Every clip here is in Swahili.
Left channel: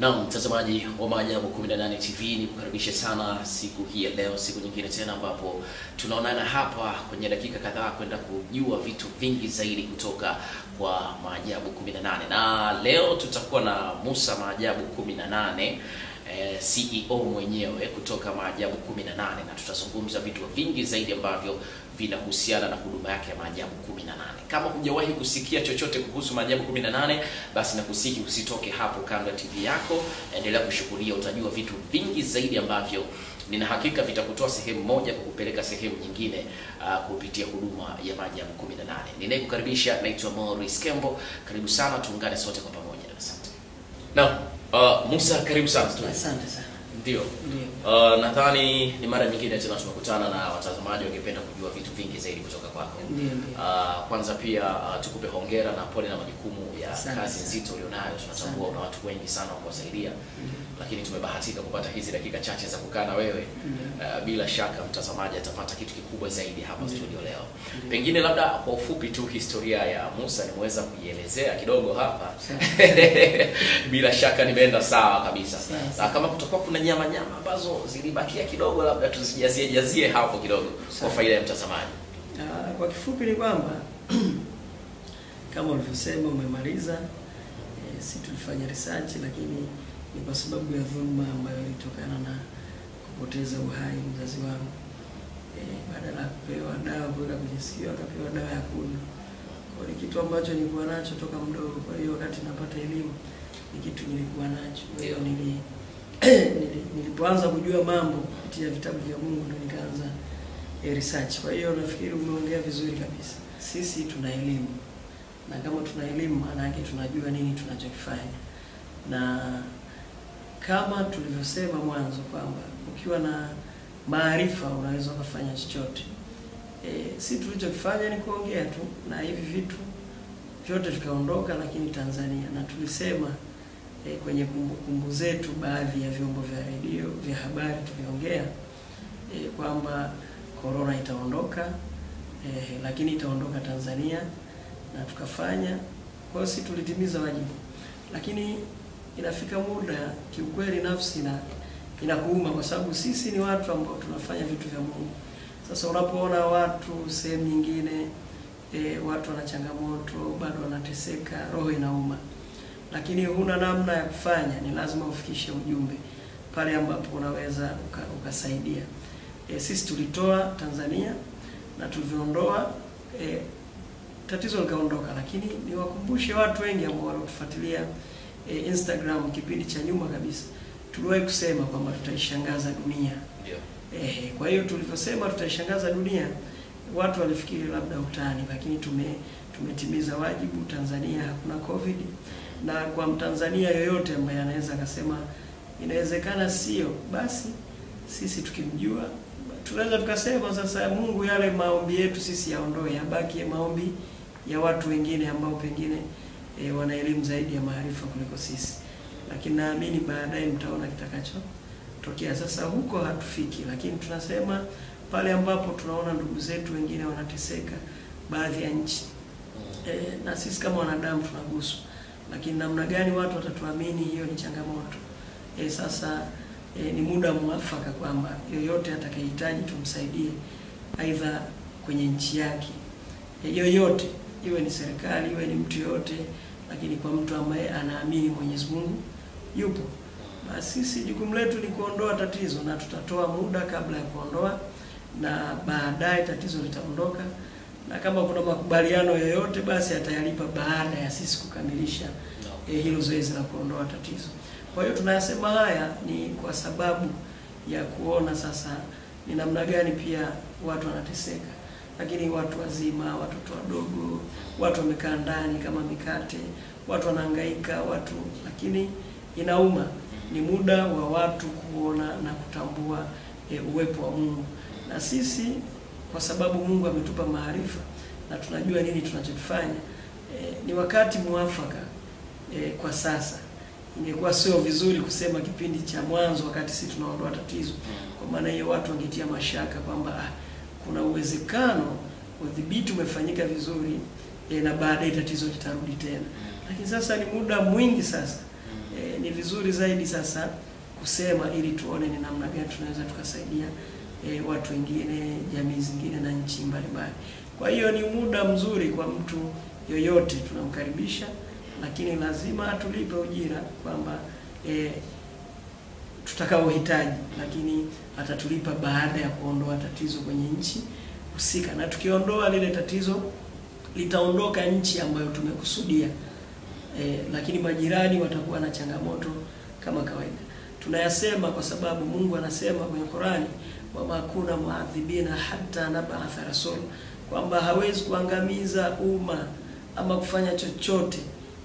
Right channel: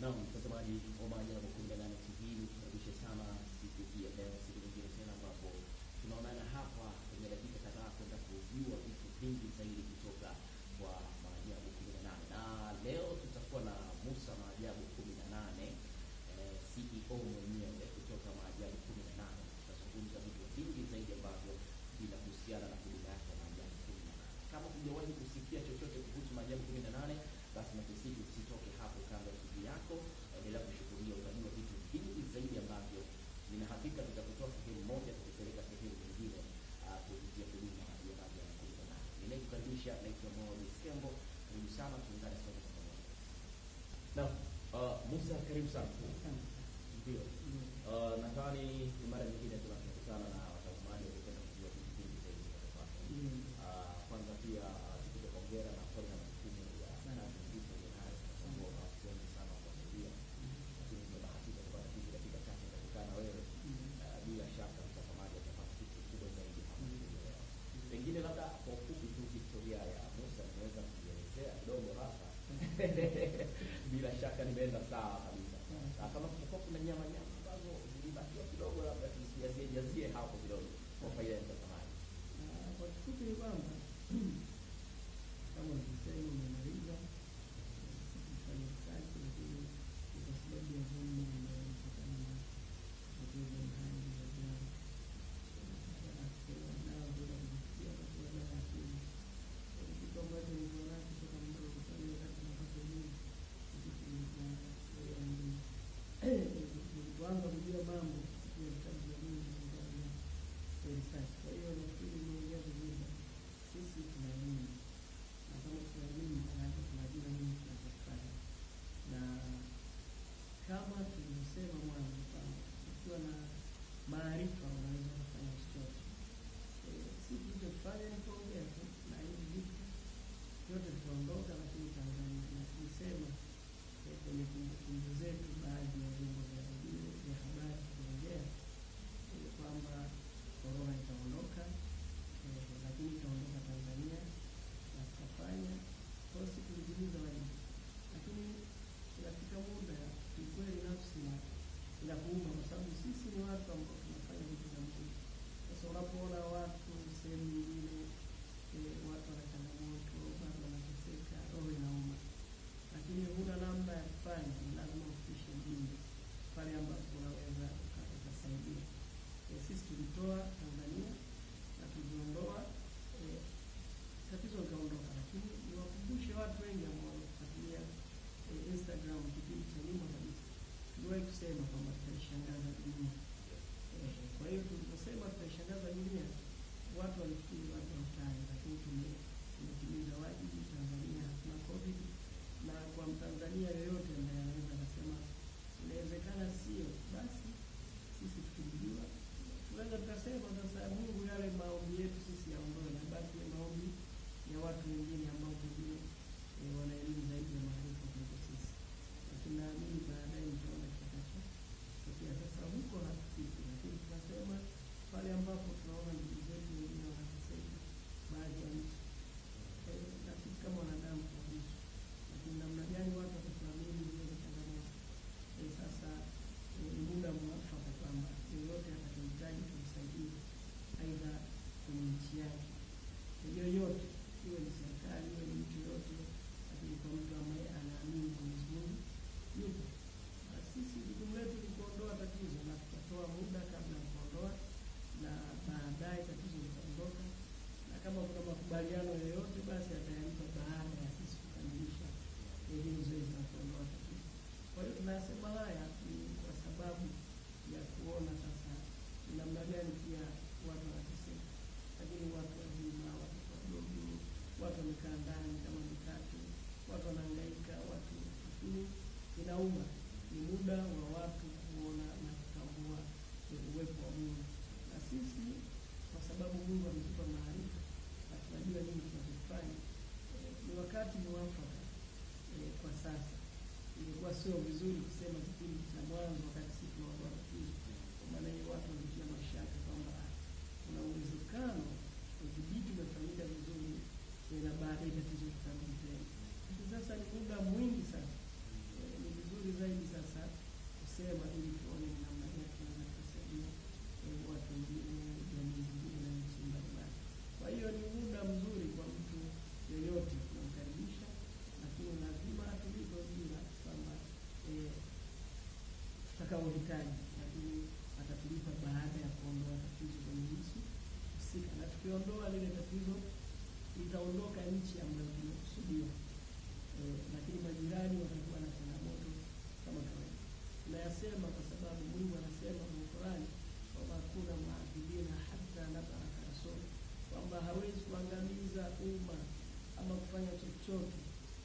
Naam, mtazamaji wa Maajabu 18 TV, nikukaribisha sana siku hii ya leo, siku nyingine tena ambapo tunaonana hapa kwenye dakika kadhaa kwenda kujua vitu vingi zaidi kutoka kwa Maajabu 18. Na leo tutakuwa na Musa Maajabu 18, CEO mwenyewe kutoka Maajabu 18, na tutazungumza vitu vingi zaidi ambavyo vinahusiana na huduma yake ya Maajabu 18. Kama hujawahi kusikia chochote kuhusu Maajabu 18, basi nakusihi usitoke hapo kando ya TV yako, endelea kushuhudia, utajua vitu vingi zaidi ambavyo nina hakika vitakutoa sehemu moja kukupeleka sehemu nyingine kupitia huduma ya Maajabu 18. Ninayekukaribisha naitwa Morris Kembo. Karibu sana, tuungane sote kwa pamoja. Asante. Musa, karibu sana. Asante sana. Ndio. Nadhani ni mara nyingine tena tumekutana na watazamaji wangependa kujua vitu vingi zaidi kutoka kwako. Ndio. Kwanza pia tukupe hongera na pole na majukumu ya kazi nzito ulionayo. Tunatambua una watu wengi sana wa kuwasaidia. Lakini tumebahatika kupata hizi dakika chache za kukaa na wewe. Bila shaka mtazamaji atapata kitu kikubwa zaidi hapa studio leo. Pengine labda kwa ufupi tu historia ya Musa nimeweza kuielezea kidogo hapa. Bila shaka nimeenda sawa kabisa. Kama kutakuwa kuna nyama ambazo zilibakia kidogo, labda tuzijazie hapo kidogo kwa faida ya mtazamaji. Kwa kifupi ni kwamba kama ulivyosema umemaliza, si tulifanya research, lakini ni kwa sababu ya dhulma ambayo ilitokana na kupoteza uhai mzazi wangu. Badala ya kupewa dawa kuweka kwenye sikio, akapewa dawa ya kunywa. Kwa ni kitu ambacho nilikuwa nacho toka mdogo. Kwa hiyo wakati napata elimu ni kitu nilikuwa nacho. Kwa hiyo nilipoanza kujua mambo kupitia vitabu vya Mungu ndio nikaanza research. Kwa hiyo nafikiri umeongea vizuri kabisa. Sisi tuna elimu. Na kama tuna elimu maana yake tunajua nini tunachokifanya. Na kama tulivyosema mwanzo kwamba ukiwa na maarifa unaweza kufanya chochote. Si tulichokifanya ni kuongea tu, na hivi vitu vyote vikaondoka, lakini Tanzania, na tulisema kwenye kumbukumbu zetu baadhi ya vyombo vya redio vya habari tuliongea kwamba corona itaondoka, lakini itaondoka Tanzania, na tukafanya. Kwa hiyo si tulitimiza wajibu. Lakini inafika muda kiukweli nafsi inakuuma, kwa sababu sisi ni watu ambao tunafanya vitu vya Mungu. Sasa unapoona watu sehemu nyingine watu wana changamoto, bado wanateseka, roho inauma. Lakini huna namna ya kufanya, ni lazima ufikishe ujumbe pale ambapo unaweza ukasaidia. Sisi tulitoa Tanzania na tuliondoa, tatizo likaondoka. Lakini niwakumbushe watu wengi ambao wanatufuatilia Instagram kipindi cha nyuma kabisa, tuliwahi kusema kwamba tutaishangaza dunia. Kwa hiyo tulivyosema tutaishangaza dunia, watu walifikiri labda utani, lakini tumetimiza wajibu. Tanzania hakuna COVID, na kwa Mtanzania yoyote ambaye anaweza akasema inawezekana sio, basi sisi tukimjua tunaweza tukasema sasa Mungu yale maombi yetu sisi yaondoe, yabaki maombi ya watu wengine ambao pengine wana elimu zaidi ya maarifa kuliko sisi. Lakini naamini baadaye mtaona kitakachotokea. Sasa huko hatufiki, lakini tunasema pale ambapo tunaona ndugu zetu wengine wanateseka baadhi ya nchi, na sisi kama wanadamu tunaguswa. Lakini namna gani watu watatuamini, hiyo ni changamoto. Sasa ni muda mwafaka kwamba yoyote atakayehitaji tumsaidie, aidha kwenye nchi yake yoyote, iwe ni serikali, iwe ni mtu yote, lakini kwa mtu ambaye anaamini Mwenyezi Mungu yupo. Na sisi jukumu letu ni kuondoa tatizo, na tutatoa muda kabla ya kuondoa, na baadaye tatizo litaondoka. Na kama kuna makubaliano yoyote, basi atayalipa baada ya sisi kukamilisha hilo zoezi la kuondoa tatizo. Kwa hiyo tunayasema haya ni kwa sababu ya kuona sasa ni namna gani pia watu wanateseka. Lakini watu wazima, watoto wadogo, watu wamekaa ndani kama mikate, watu wanahangaika, lakini inauma. Ni muda wa watu kuona na kutambua uwepo wa Mungu. Na sisi kwa sababu Mungu ametupa maarifa na tunajua nini tunachokifanya, ni wakati mwafaka kwa sasa. Ingekuwa sio vizuri kusema kipindi cha mwanzo wakati sisi tunaondoa tatizo. Kwa maana hiyo watu wangetia mashaka kwamba kuna uwezekano udhibiti umefanyika vizuri na baadaye tatizo litarudi tena. Lakini sasa ni muda mwingi sasa ni vizuri zaidi sasa kusema ili tuone ni namna gani tunaweza tukasaidia watu wengine, jamii zingine na nchi mbalimbali. Kwa hiyo ni muda mzuri kwa mtu yoyote, tunamkaribisha, lakini lazima tulipe ujira kwamba tutakaohitaji, lakini atatulipa baada ya kuondoa tatizo kwenye nchi husika, na tukiondoa lile tatizo litaondoka nchi ambayo tumekusudia. Lakini majirani watakuwa na changamoto kama kawaida. Tunayasema kwa sababu Mungu anasema kwenye Qur'ani, wa makuna muadhibina hatta nab'atha rasul, kwamba hawezi kuangamiza umma ama kufanya chochote,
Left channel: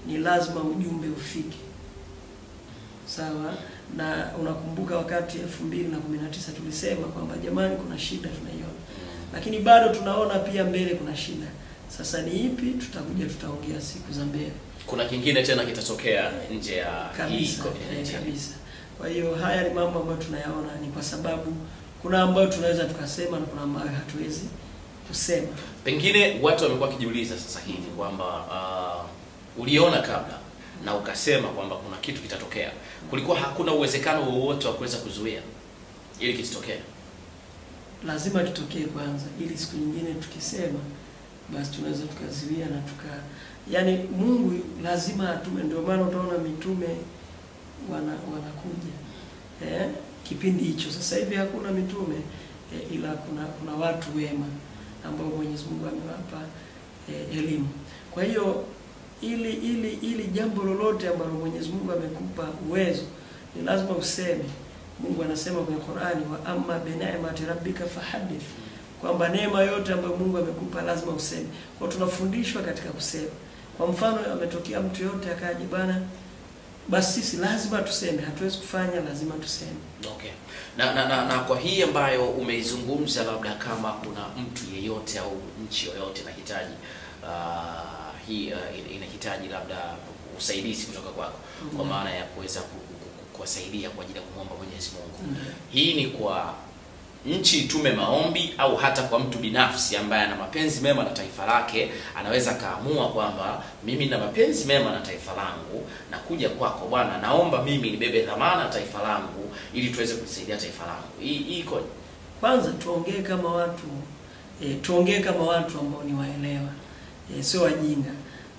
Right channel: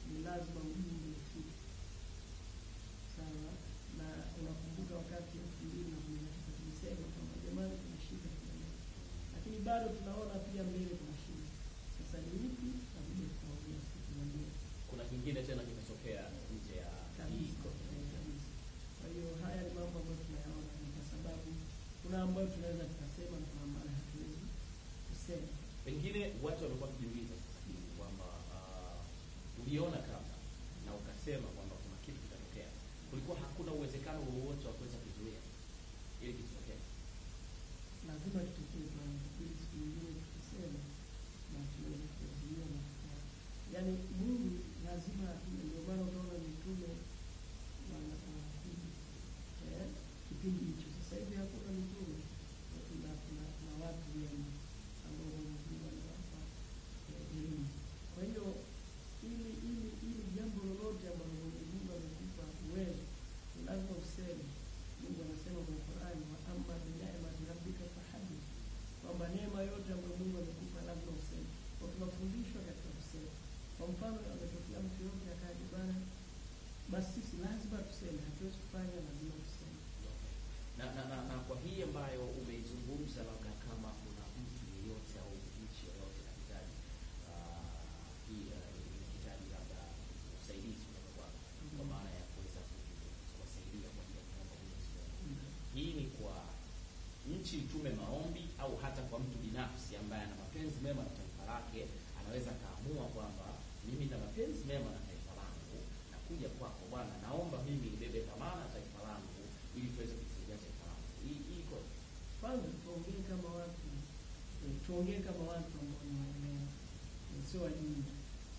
ni lazima ujumbe ufike. Sawa? Na unakumbuka wakati 2019 tulisema kwamba jamani, kuna shida tunaiona, lakini bado tunaona pia mbele kuna shida. Sasa ni ipi? Tutaongea siku za mbele. Kuna kingine tena kitatokea nje ya kabisa, kabisa. Kwa hiyo haya ni mambo ambayo tunayaona, ni kwa sababu kuna ambayo tunaweza tukasema na kuna ambayo hatuwezi kusema. Pengine watu wamekuwa kijiuliza sasa hivi kwamba uliona kabla na ukasema kwamba kuna kitu kitatokea. Kulikuwa hakuna uwezekano wowote wa kuweza kuzuia ili kitokee? Lazima kitokee kwanza, ili siku nyingine tukisema basi tunaweza tukazuia na yani Mungu lazima atume. Ndio maana utaona mitume wanakuja kipindi hicho. Sasa hivi hakuna mitume, ila kuna watu wema ambao Mwenyezi Mungu amewapa elimu. Kwa hiyo ili jambo lolote ambalo Mwenyezi Mungu amekupa uwezo, ni lazima useme. Mungu anasema kwenye Qur'ani, wa amma bi ni'mati rabbika fahaddith, kwamba neema yote ambayo Mungu amekupa lazima useme. Kwa tunafundishwa katika kusema. Kwa mfano, ametokea mtu yote akaje bana, basi sisi lazima tuseme, hatuwezi kufanya, lazima tuseme. Okay. Na kwa hii ambayo umeizungumza, labda kama kuna mtu yeyote au nchi yoyote inahitaji inahitaji labda usaidizi kutoka kwako, kwa maana ya kuweza kuwasaidia kwa ajili ya kumwomba Mwenyezi Mungu. Hii ni kwa nchi itume maombi, au hata kwa mtu binafsi ambaye ana mapenzi mema na taifa lake, anaweza kaamua kwamba mimi nina mapenzi mema na taifa langu, na kuja kwako bwana, naomba mimi nibebe dhamana ya taifa langu ili tuweze kusaidia taifa langu. Hii iko kwanza tuongee kama watu tuongee kama watu ambao ni waelewa, sio wajinga.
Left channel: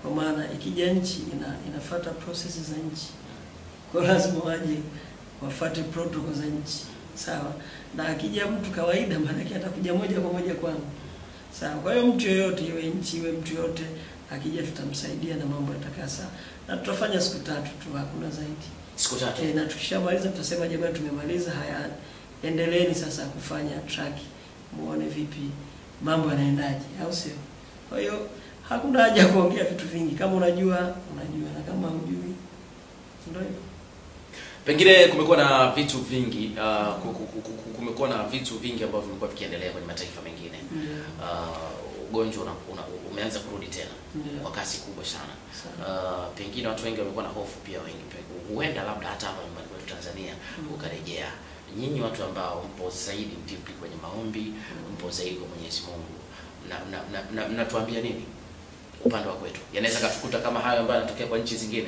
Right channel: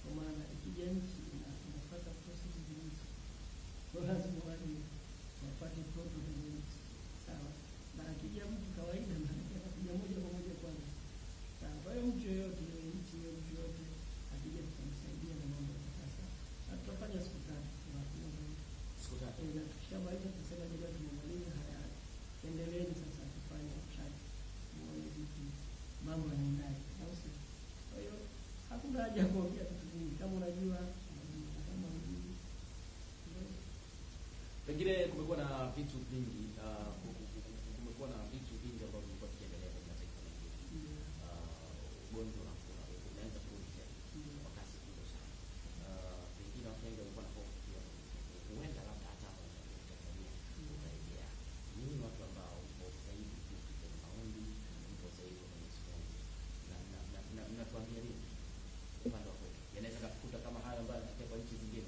Kwa maana ikija nchi inafuata processes za nchi, kwa lazima waje wafuate protocol za nchi. Sawa? Na akija mtu kawaida, maana yake atakuja moja kwa moja kwangu. Sawa? Kwa hiyo mtu yoyote, iwe nchi iwe mtu yote, akija tutamsaidia na mambo yatakaa sawa. Na tutafanya siku 3 tu, hakuna zaidi. Siku 3. Na tukishamaliza tutasema jamani, tumemaliza, haya endeleeni sasa kufanya track, muone vipi mambo yanaendaje, au sio? Kwa hiyo hakuna haja ya kuongea vitu vingi. Kama unajua, na kama hujui ndio hivyo. Pengine kumekuwa na vitu vingi kumekuwa na vitu vingi ambavyo vimekuwa vikiendelea kwenye mataifa mengine. Ugonjwa umeanza kurudi tena kwa kasi kubwa sana. Pengine watu wengi wamekuwa na hofu pia, wengi huenda labda hata nyumbani kwetu Tanzania ukarejea. Nyinyi watu ambao mpo zaidi deep kwenye maombi, mpo zaidi kwa Mwenyezi Mungu, mnatuambia nini upande wa kwetu? Yanaweza katukuta kama hayo ambayo yanatokea kwa nchi zingine?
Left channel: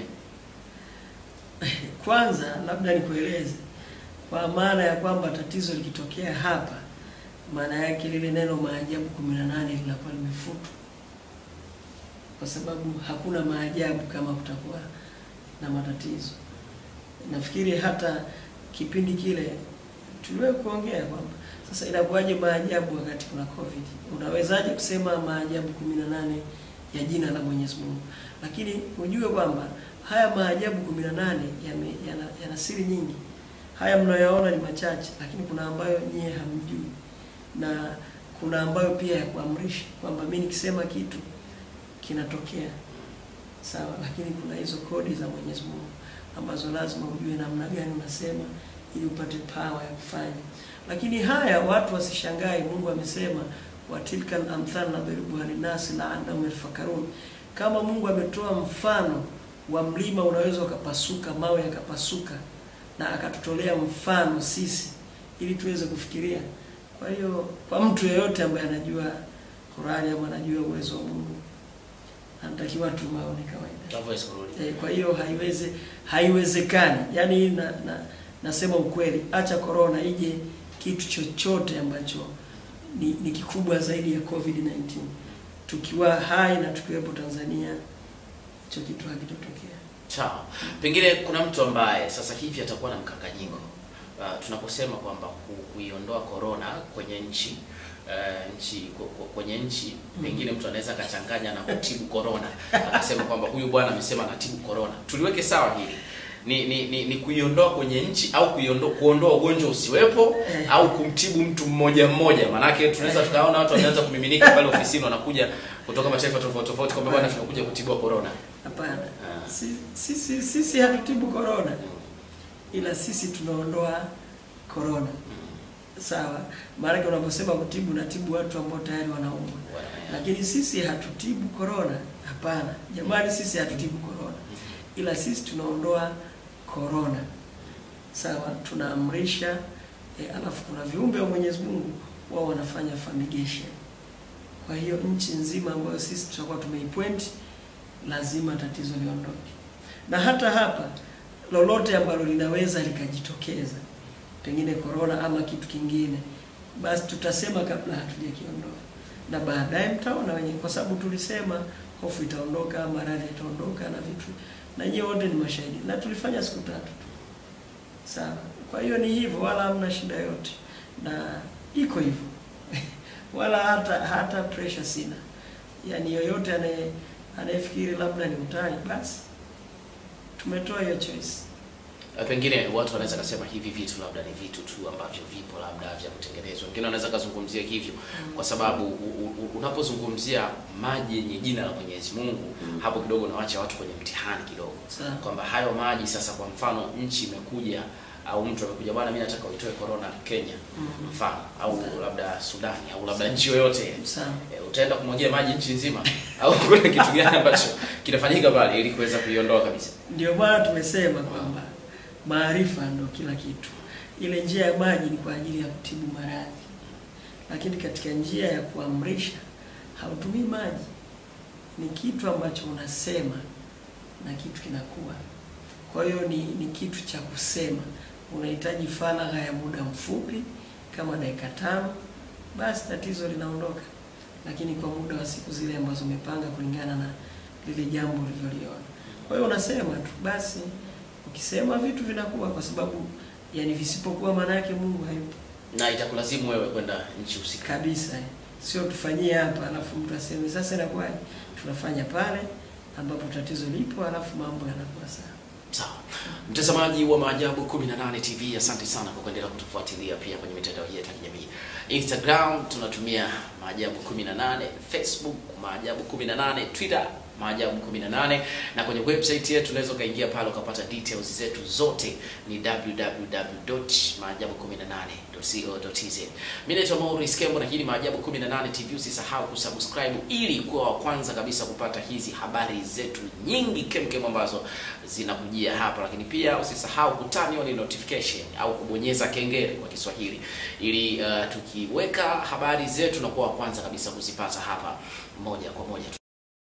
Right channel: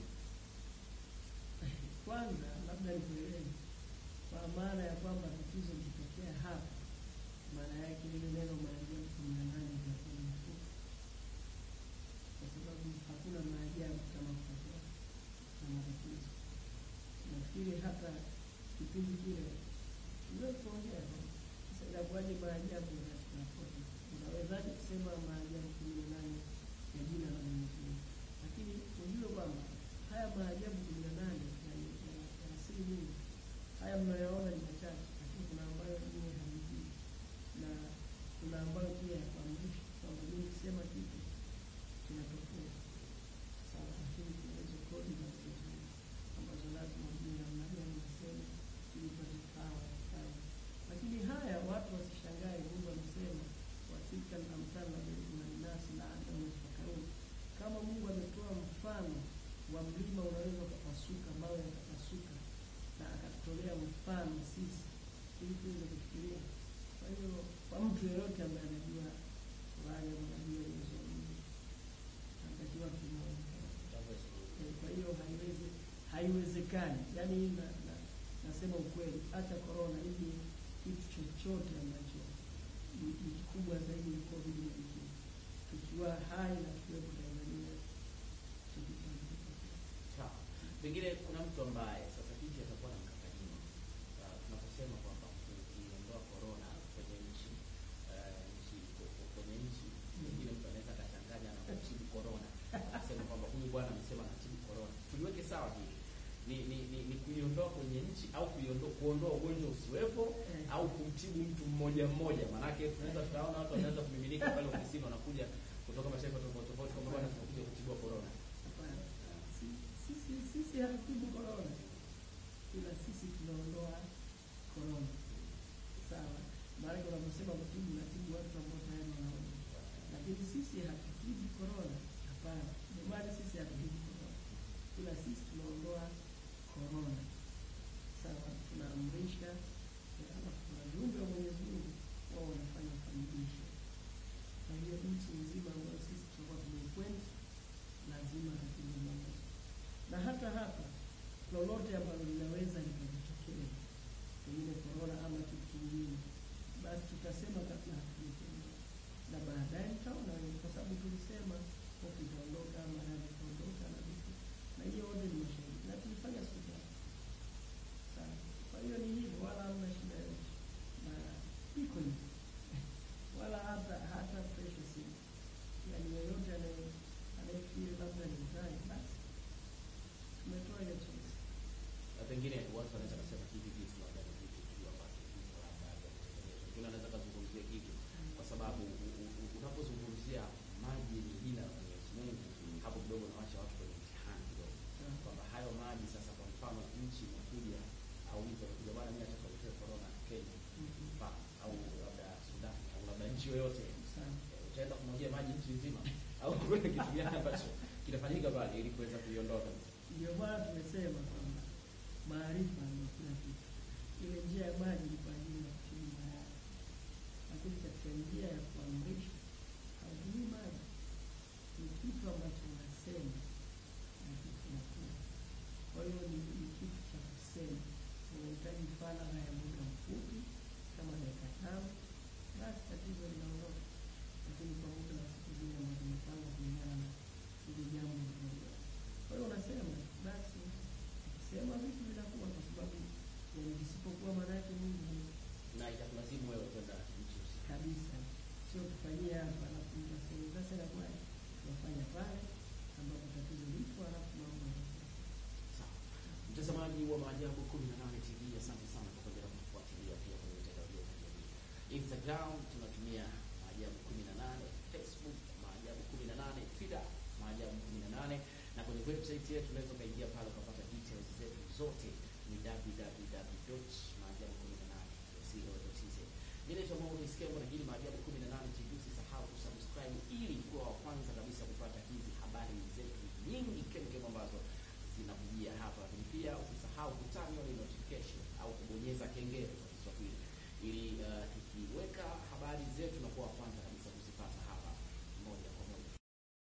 Kwanza labda nikueleze kwa maana ya kwamba tatizo likitokea hapa, maana yake lile neno maajabu 18 linakuwa limefutwa, kwa sababu hakuna maajabu kama kutakuwa na matatizo. Nafikiri hata kipindi kile tuliwahi kuongea kwamba sasa inakuwaje maajabu wakati kuna COVID? Unawezaje kusema maajabu 18 ya jina la Mwenyezi Mungu? Lakini ujue kwamba haya maajabu 18 yana siri nyingi. Haya mnayoyaona ni machache, lakini kuna ambayo nyie hamjui, na kuna ambayo pia ya kuamrisha kwamba mimi nikisema kitu kinatokea. Sawa? Lakini kuna hizo kodi za Mwenyezi Mungu ambazo lazima ujue namna gani unasema ili upate power ya kufanya. Lakini haya watu wasishangae, Mungu amesema wa tilka al-amthal nadribuha lin-nas la'annahum yatafakkarun. Kama Mungu ametoa mfano wa mlima unaweza ukapasuka, mawe yakapasuka, na akatutolea mfano sisi ili tuweze kufikiria. Kwa hiyo kwa mtu yeyote ambaye anajua Qur'ani ama anajua uwezo wa Mungu, anatakiwa tu maone kawaida. Hawezi kurudi. Kwa hiyo haiwezekani. Yaani nasema ukweli, acha corona ije kitu chochote ambacho ni kikubwa zaidi ya COVID-19. Tukiwa hai na tukiwepo Tanzania, hicho kitu hakitotokea. Sawa. Pengine kuna mtu ambaye sasa hivi atakuwa na mkanganyiko. Tunaposema kwamba kuiondoa corona kwenye nchi kwenye nchi pengine mtu anaweza akachanganya na kutibu corona. Akasema kwamba huyu bwana amesema anatibu corona. Tuliweke sawa hili. Ni kuiondoa kwenye nchi au kuondoa ugonjwa usiwepo au kumtibu mtu mmoja mmoja. Manake tunaweza tukaona watu wanaanza kumiminika pale ofisini wanakuja kutoka mataifa tofauti kwamba bwana tunakuja kutibu corona. Hapana. Sisi hatutibu corona. Ila sisi tunaondoa corona. Sawa. Maana unaposema kutibu unatibu watu ambao tayari wanaumwa. Lakini sisi hatutibu corona. Hapana. Jamani, sisi hatutibu corona. Ila sisi tunaondoa corona. Sawa, tunaamrisha alafu kuna viumbe wa Mwenyezi Mungu wao wanafanya fumigation. Kwa hiyo nchi nzima ambayo sisi tutakuwa tumeipoint lazima tatizo liondoke. Na hata hapa lolote ambalo linaweza likajitokeza, pengine corona ama kitu kingine, basi tutasema kabla hatujakiondoa. Na baadaye mtaona wenyewe, kwa sababu tulisema hofu itaondoka, maradhi itaondoka na vitu. Na nyinyi wote ni mashahidi. Na tulifanya siku 3 tu. Sawa. Kwa hiyo ni hivyo, wala hamna shida yote. Na iko hivyo. Wala hata pressure sina. Yaani yoyote anayefikiri labda ni utani, basi tumetoa hiyo choice. Pengine watu wanaweza kusema hivi vitu labda ni vitu tu ambavyo vipo labda vya kutengenezwa. Wengine wanaweza kuzungumzia hivyo kwa sababu unapozungumzia maji yenye jina la Mwenyezi Mungu, hapo kidogo unaacha watu kwenye mtihani kidogo. Kwamba hayo maji sasa, kwa mfano nchi imekuja au mtu amekuja, bwana mimi nataka uitoe corona Kenya mfano au labda Sudani au labda nchi yoyote. Utaenda kumwagia maji nchi nzima au kuna kitu gani ambacho kinafanyika pale ili kuweza kuiondoa kabisa? Ndio maana tumesema kwamba maarifa ndio kila kitu. Ile njia ya maji ni kwa ajili ya kutibu maradhi. Lakini katika njia ya kuamrisha hautumii maji. Ni kitu ambacho unasema na kitu kinakuwa. Kwa hiyo ni kitu cha kusema. Unahitaji faragha ya muda mfupi kama dakika 5, basi tatizo linaondoka. Lakini kwa muda wa siku zile ambazo umepanga kulingana na lile jambo uliloliona. Kwa hiyo unasema tu, basi ukisema vitu vinakuwa, kwa sababu yani visipokuwa maana yake Mungu hayupo. Na itakulazimu wewe kwenda nchi husika kabisa. Sio tufanyie hapa alafu mtu aseme sasa inakuwaje? Tunafanya pale ambapo tatizo lipo alafu mambo yanakuwa sawa. Sawa. Mtazamaji wa Maajabu 18 TV, asante sana kwa kuendelea kutufuatilia pia kwenye mitandao yetu ya kijamii. Instagram tunatumia Maajabu 18, Facebook Maajabu 18, Twitter Maajabu 18, na kwenye website yetu unaweza kaingia pale ukapata details zetu zote, ni www.maajabu18.co.tz. Mimi naitwa Maurice Kembo na hii ni Maajabu 18 TV. Usisahau kusubscribe ili kuwa wa kwanza kabisa kupata hizi habari zetu nyingi kemkem ambazo zinakujia hapa, lakini pia usisahau kutani on notification au kubonyeza kengele kwa Kiswahili ili tukiweka habari zetu na kuwa wa kwanza kabisa kuzipata hapa moja kwa moja.